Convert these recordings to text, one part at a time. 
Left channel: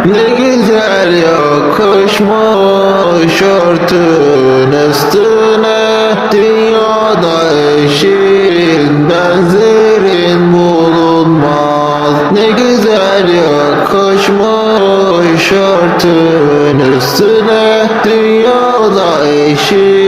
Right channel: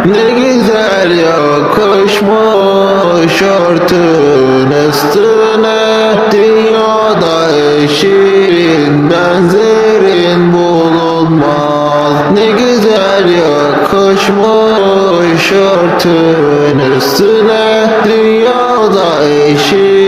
Ne Güzel yakışmış örtün üstüne Dünyada eşin benzerin bulunmaz. Ne güzel yakışmış örtün üstüne Dünyada eşin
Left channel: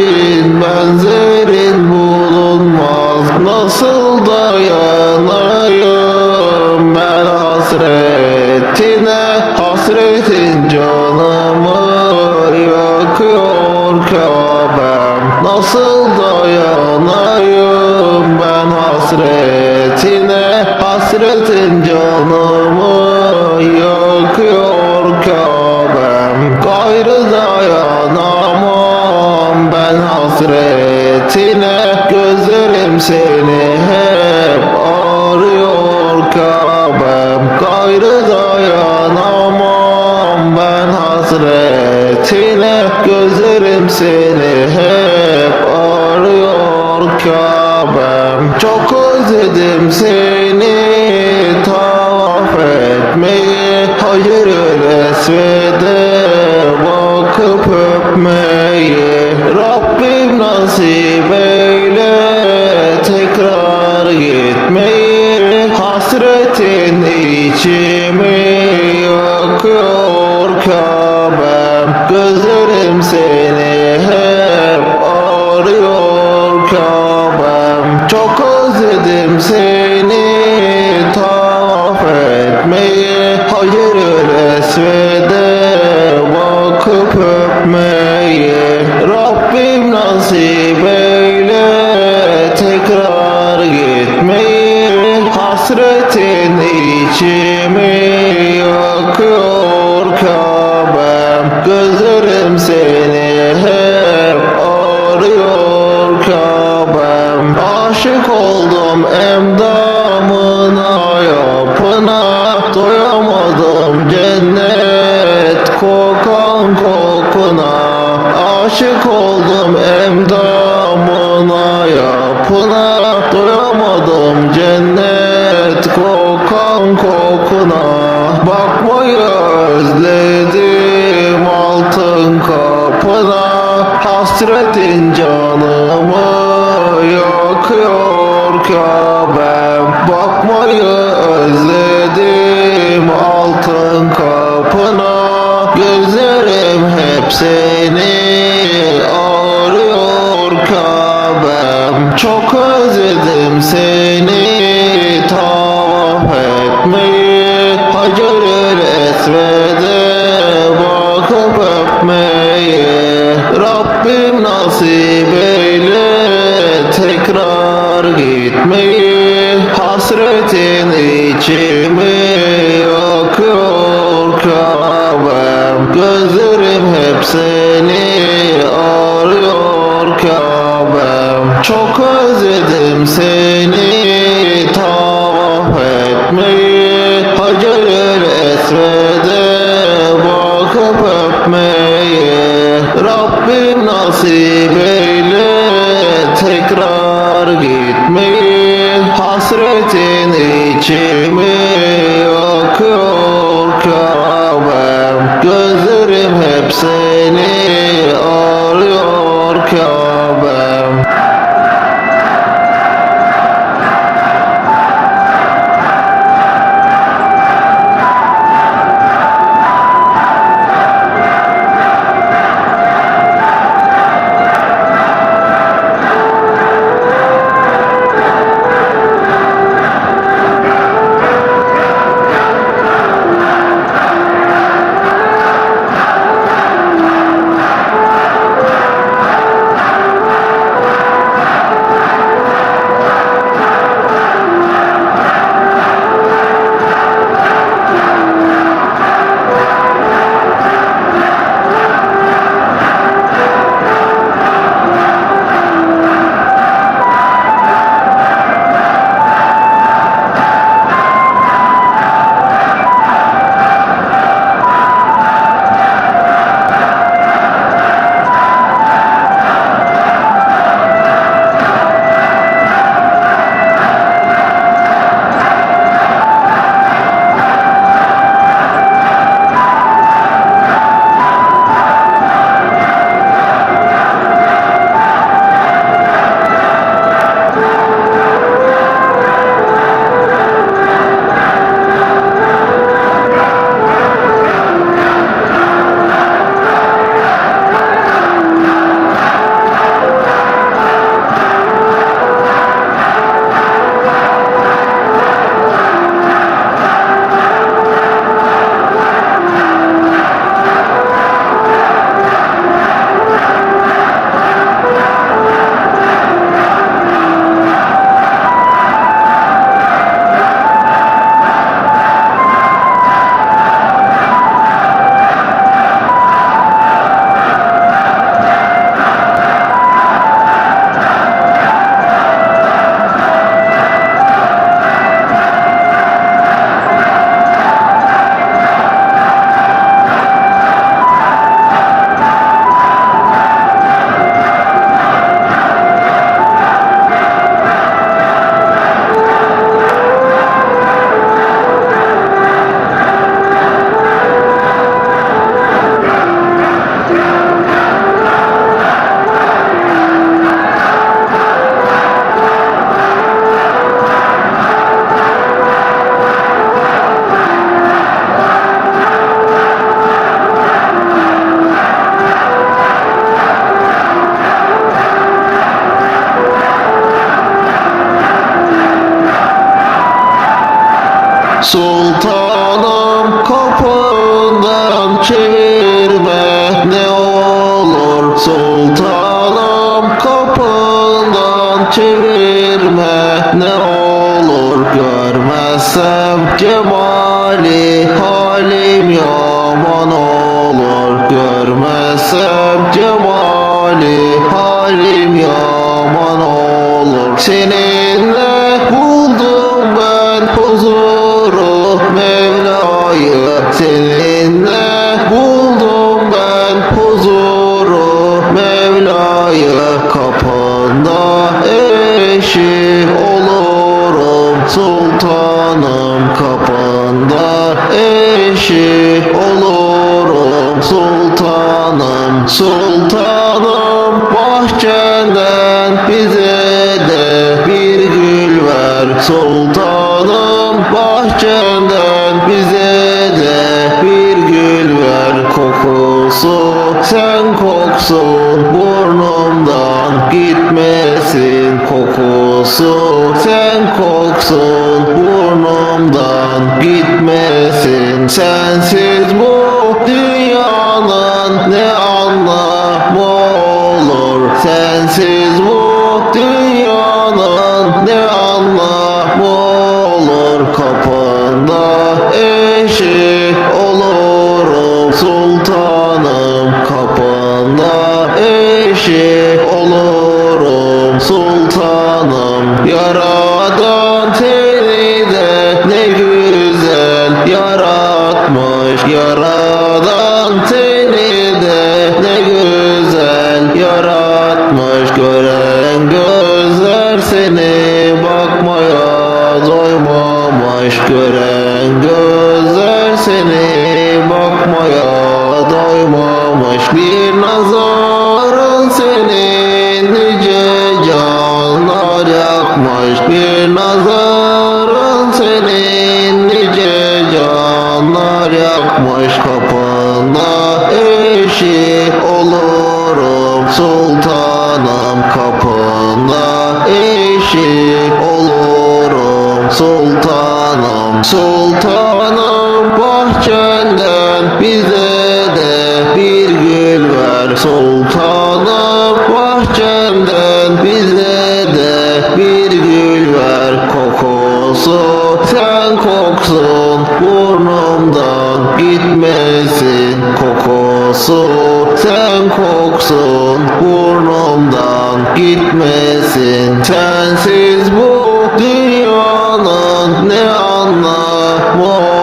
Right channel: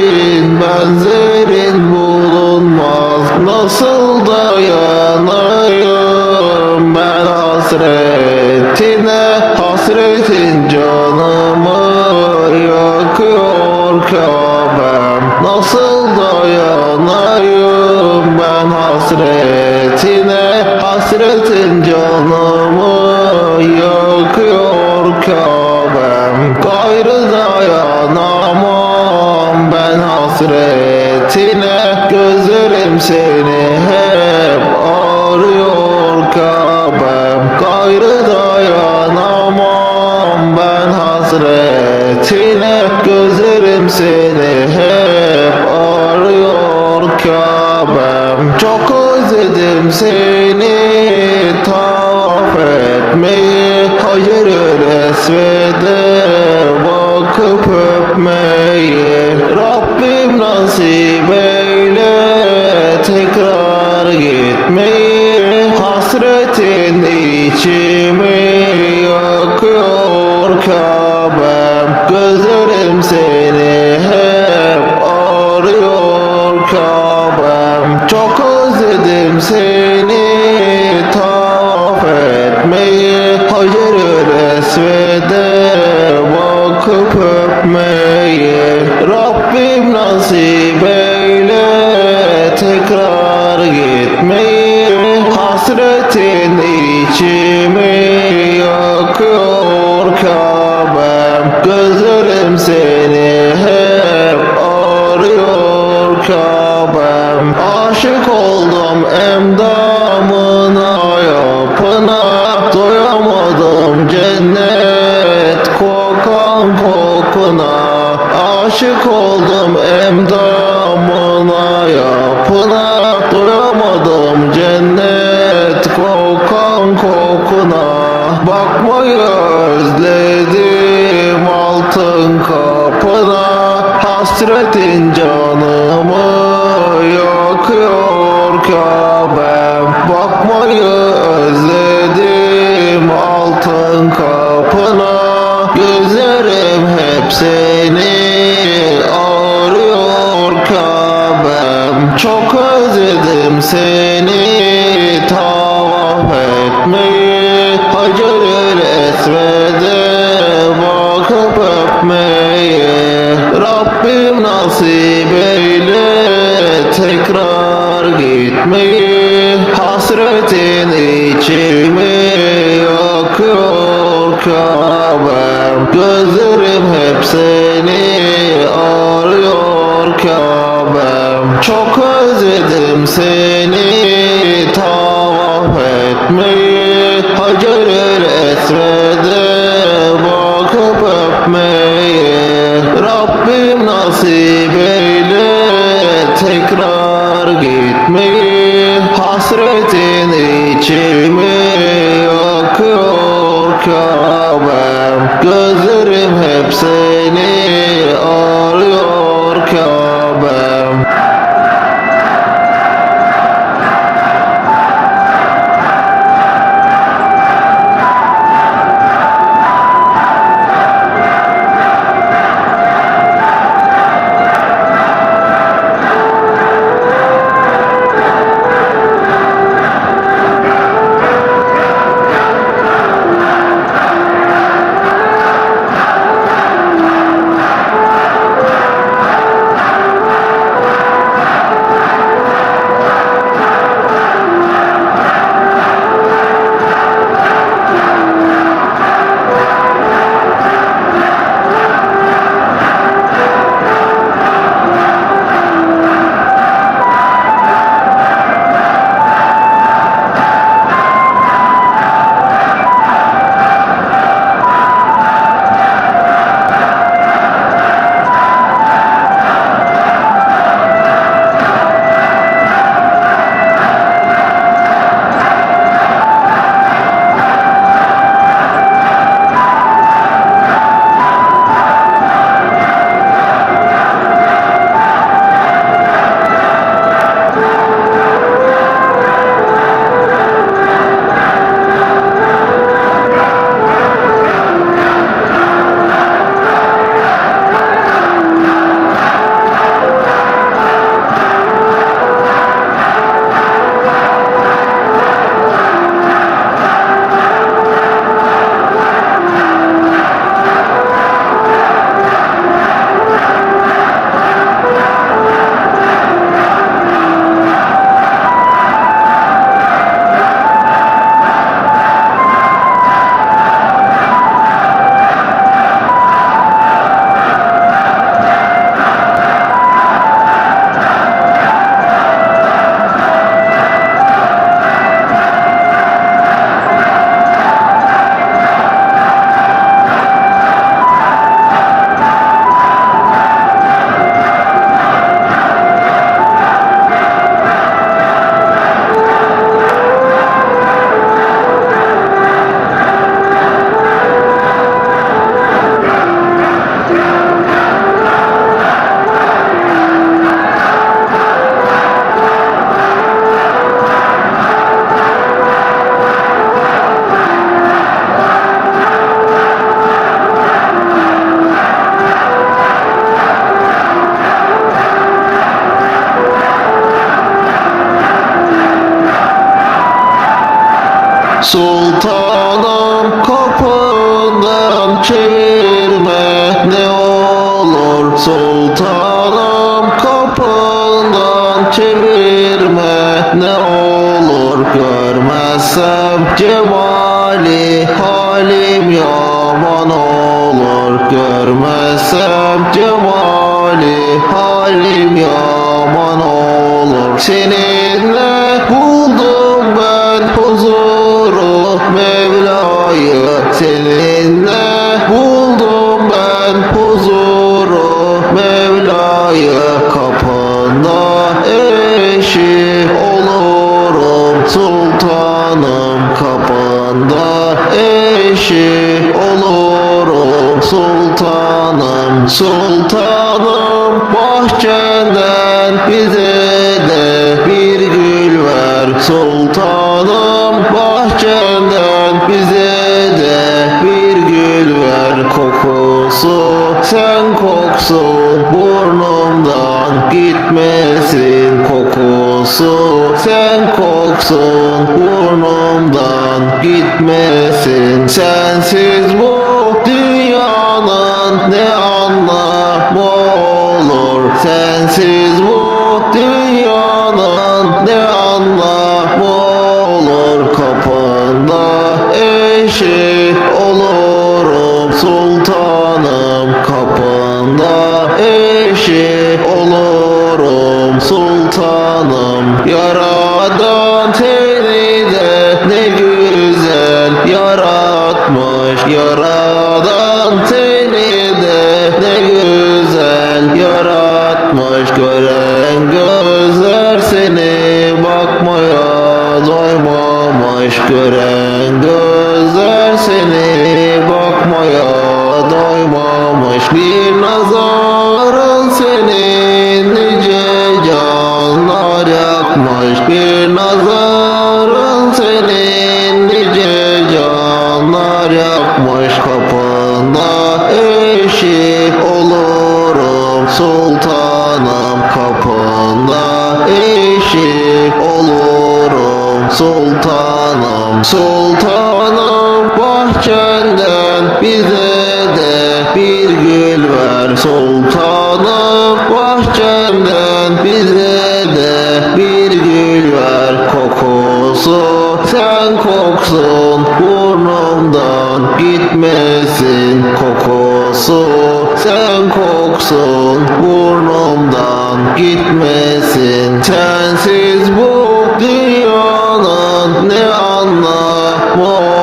cold. gitme Hasretin içime akıl kalır Gözlerim hep seni arıyor kalır Çok özledim seni Tavaf etmeyi Hacer-i Esved'e bakıp öpmeyi Rabbim nasip eyle. светили, чем мы. ki olurum sultanım sultanım. Bahçeden bize de bir gül ver sultanım. Bahçeden bize de bir gül ver. Kokusu sen kokusu burnumdan gitmesin. Kokusu sen koksun burnumdan gitmesin sensiz bu dünyanın ne anlamı olur Sensiz bu dünyanın ne anlamı olur Kapında eşi olurum sultanım. Kapında eşi olurum sultanım yaratmış Yaradan seni ne güzel yaratmış. Gören gözler seni bakmaya doymamış. Gören gözler seni bakmaya doymamış. Bir nazarın seni nice canlar yakmış Bir nazarın seni nice canlar yakmış Kapına eşi olurum. Sultanım Kapına sultanım Sultanım bahçenden bize de bir gül ver Sultanım bahçemden bize gitmesin Kokusu sen koksun burnumdan gitmesin Sensiz bu dünyanın ne anlamı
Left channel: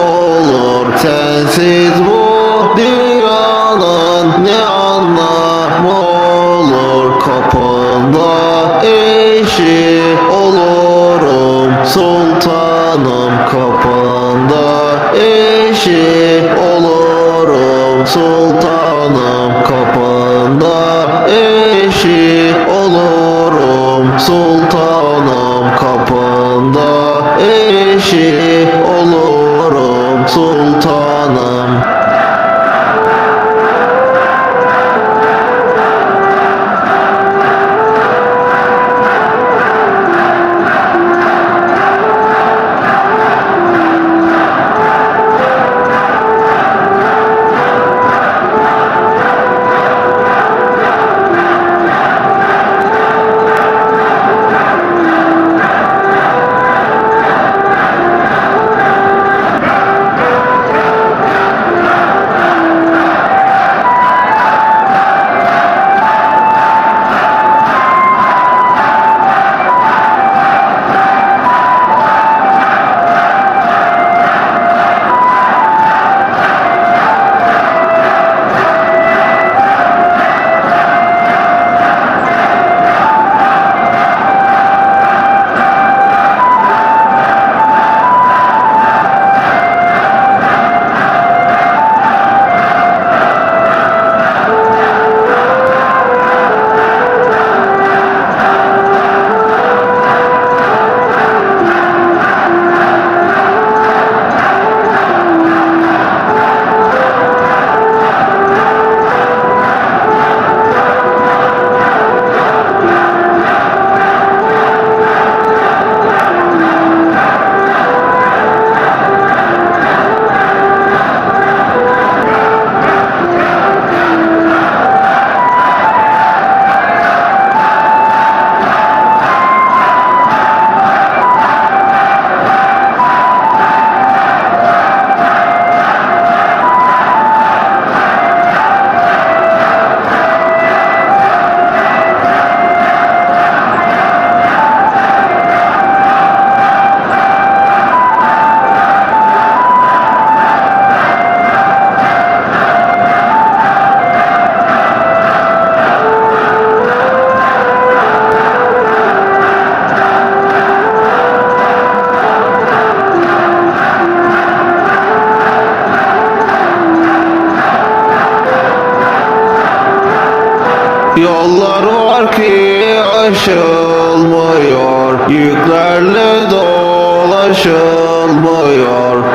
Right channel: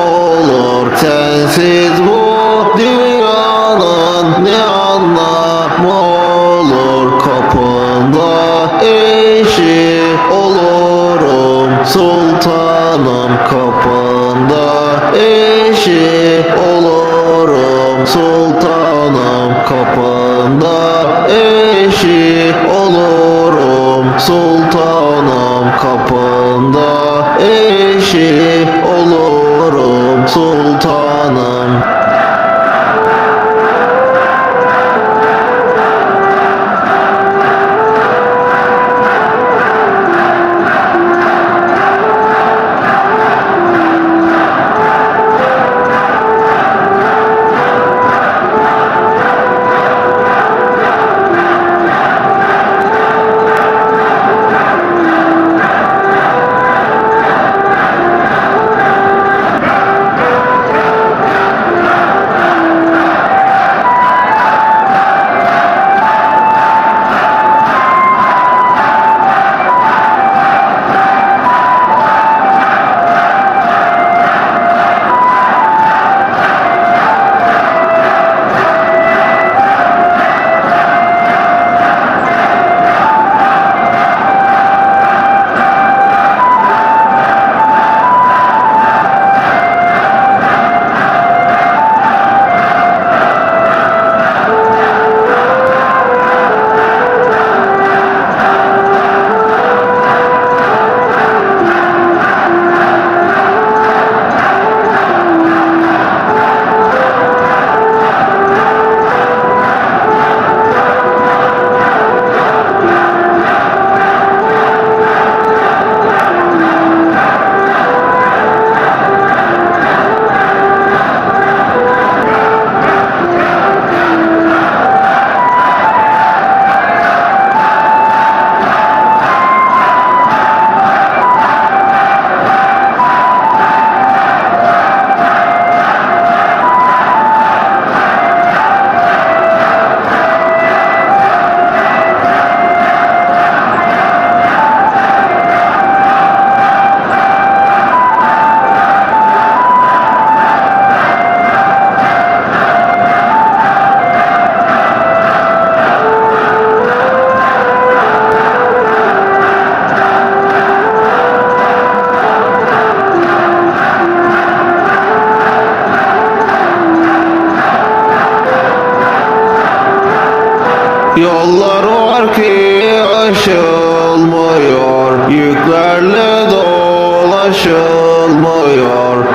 Yollar harfi aşılmıyor Yüklerle dolaşılmıyor.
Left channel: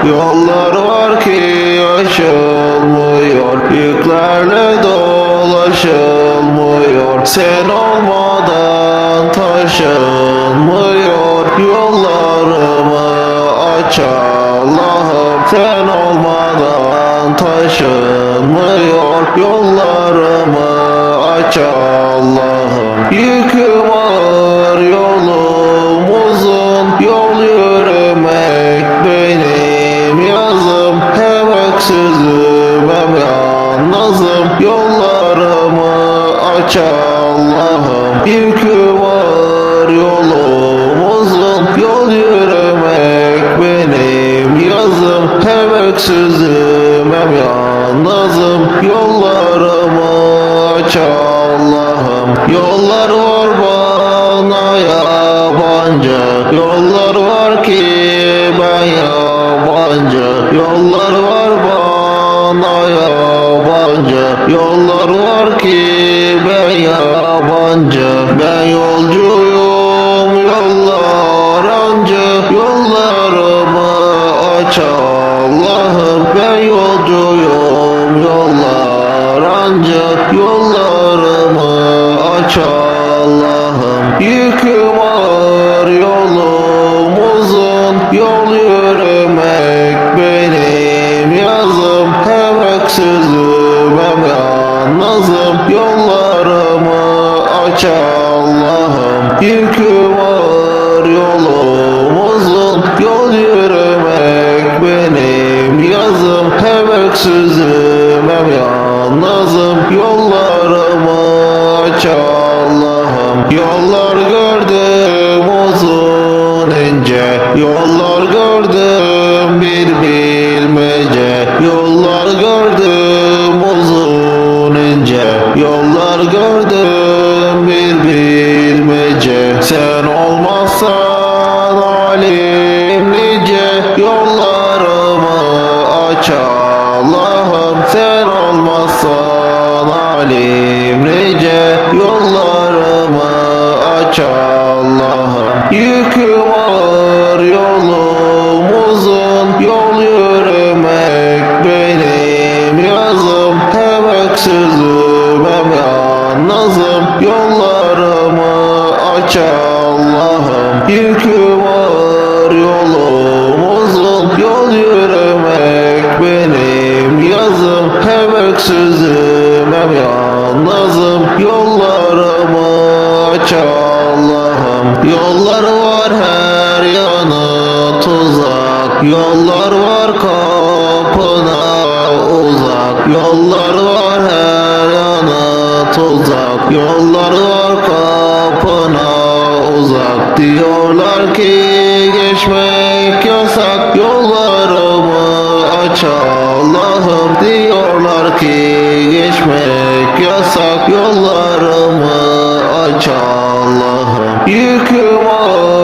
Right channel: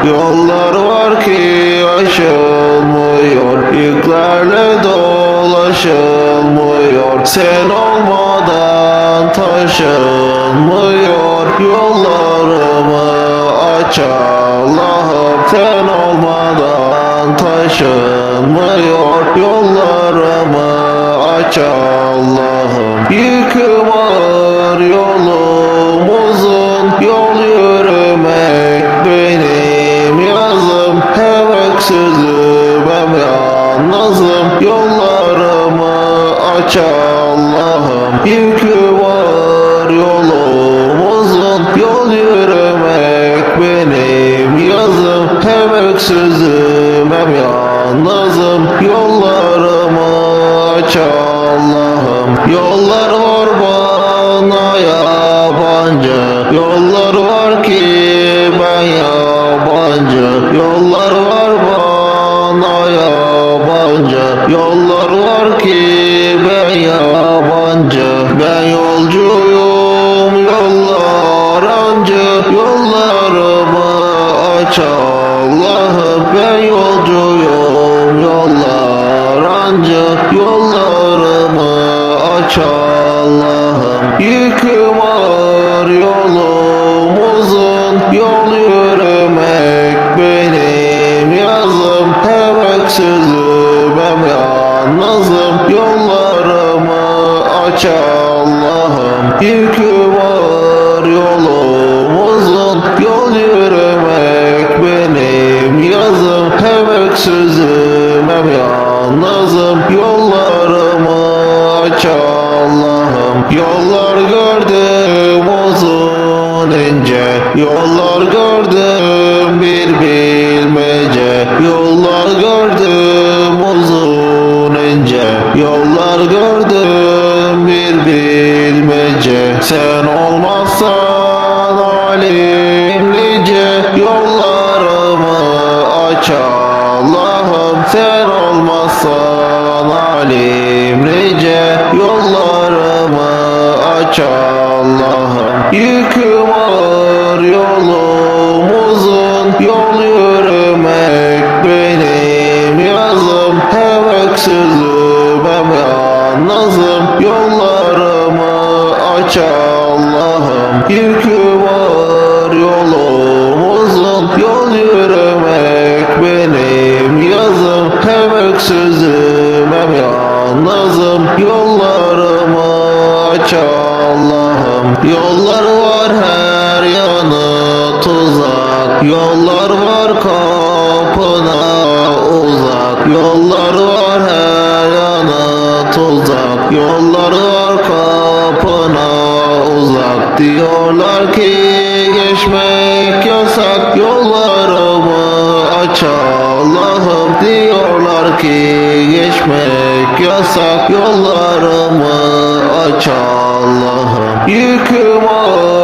Yollar harfi aşılmıyor Yüklerle dolaşılmıyor. Sen olmadan taşınmıyor Yollarımı aç Allah'ım Sen olmadan taşınmıyor. Yükü var yolumuzun Yol yürümek benim yazım Hem öksüzüm hem yalnızım Yollarımı aç Allah'ım Yollar var bana yabancı Yollar var ki ben yabancı Yollar var bana yabancı Yollar var ki ben yabancı Ben yolcuyum yollar ancak Yollarımı aç Allah'ım Ben yolcuyum yollar ancak Yollarımı aç Allah'ım Yükü var yolumuzun Yol yürümek Yükü var yolumuzun Yol yürümek benim yazım öksüzüm hem yalnızım Yollarımı aç Allah'ım Yollar Allah'ım var yolumuzun Yol yürümek benim yazım Allah'ım Allah'ım Yükü var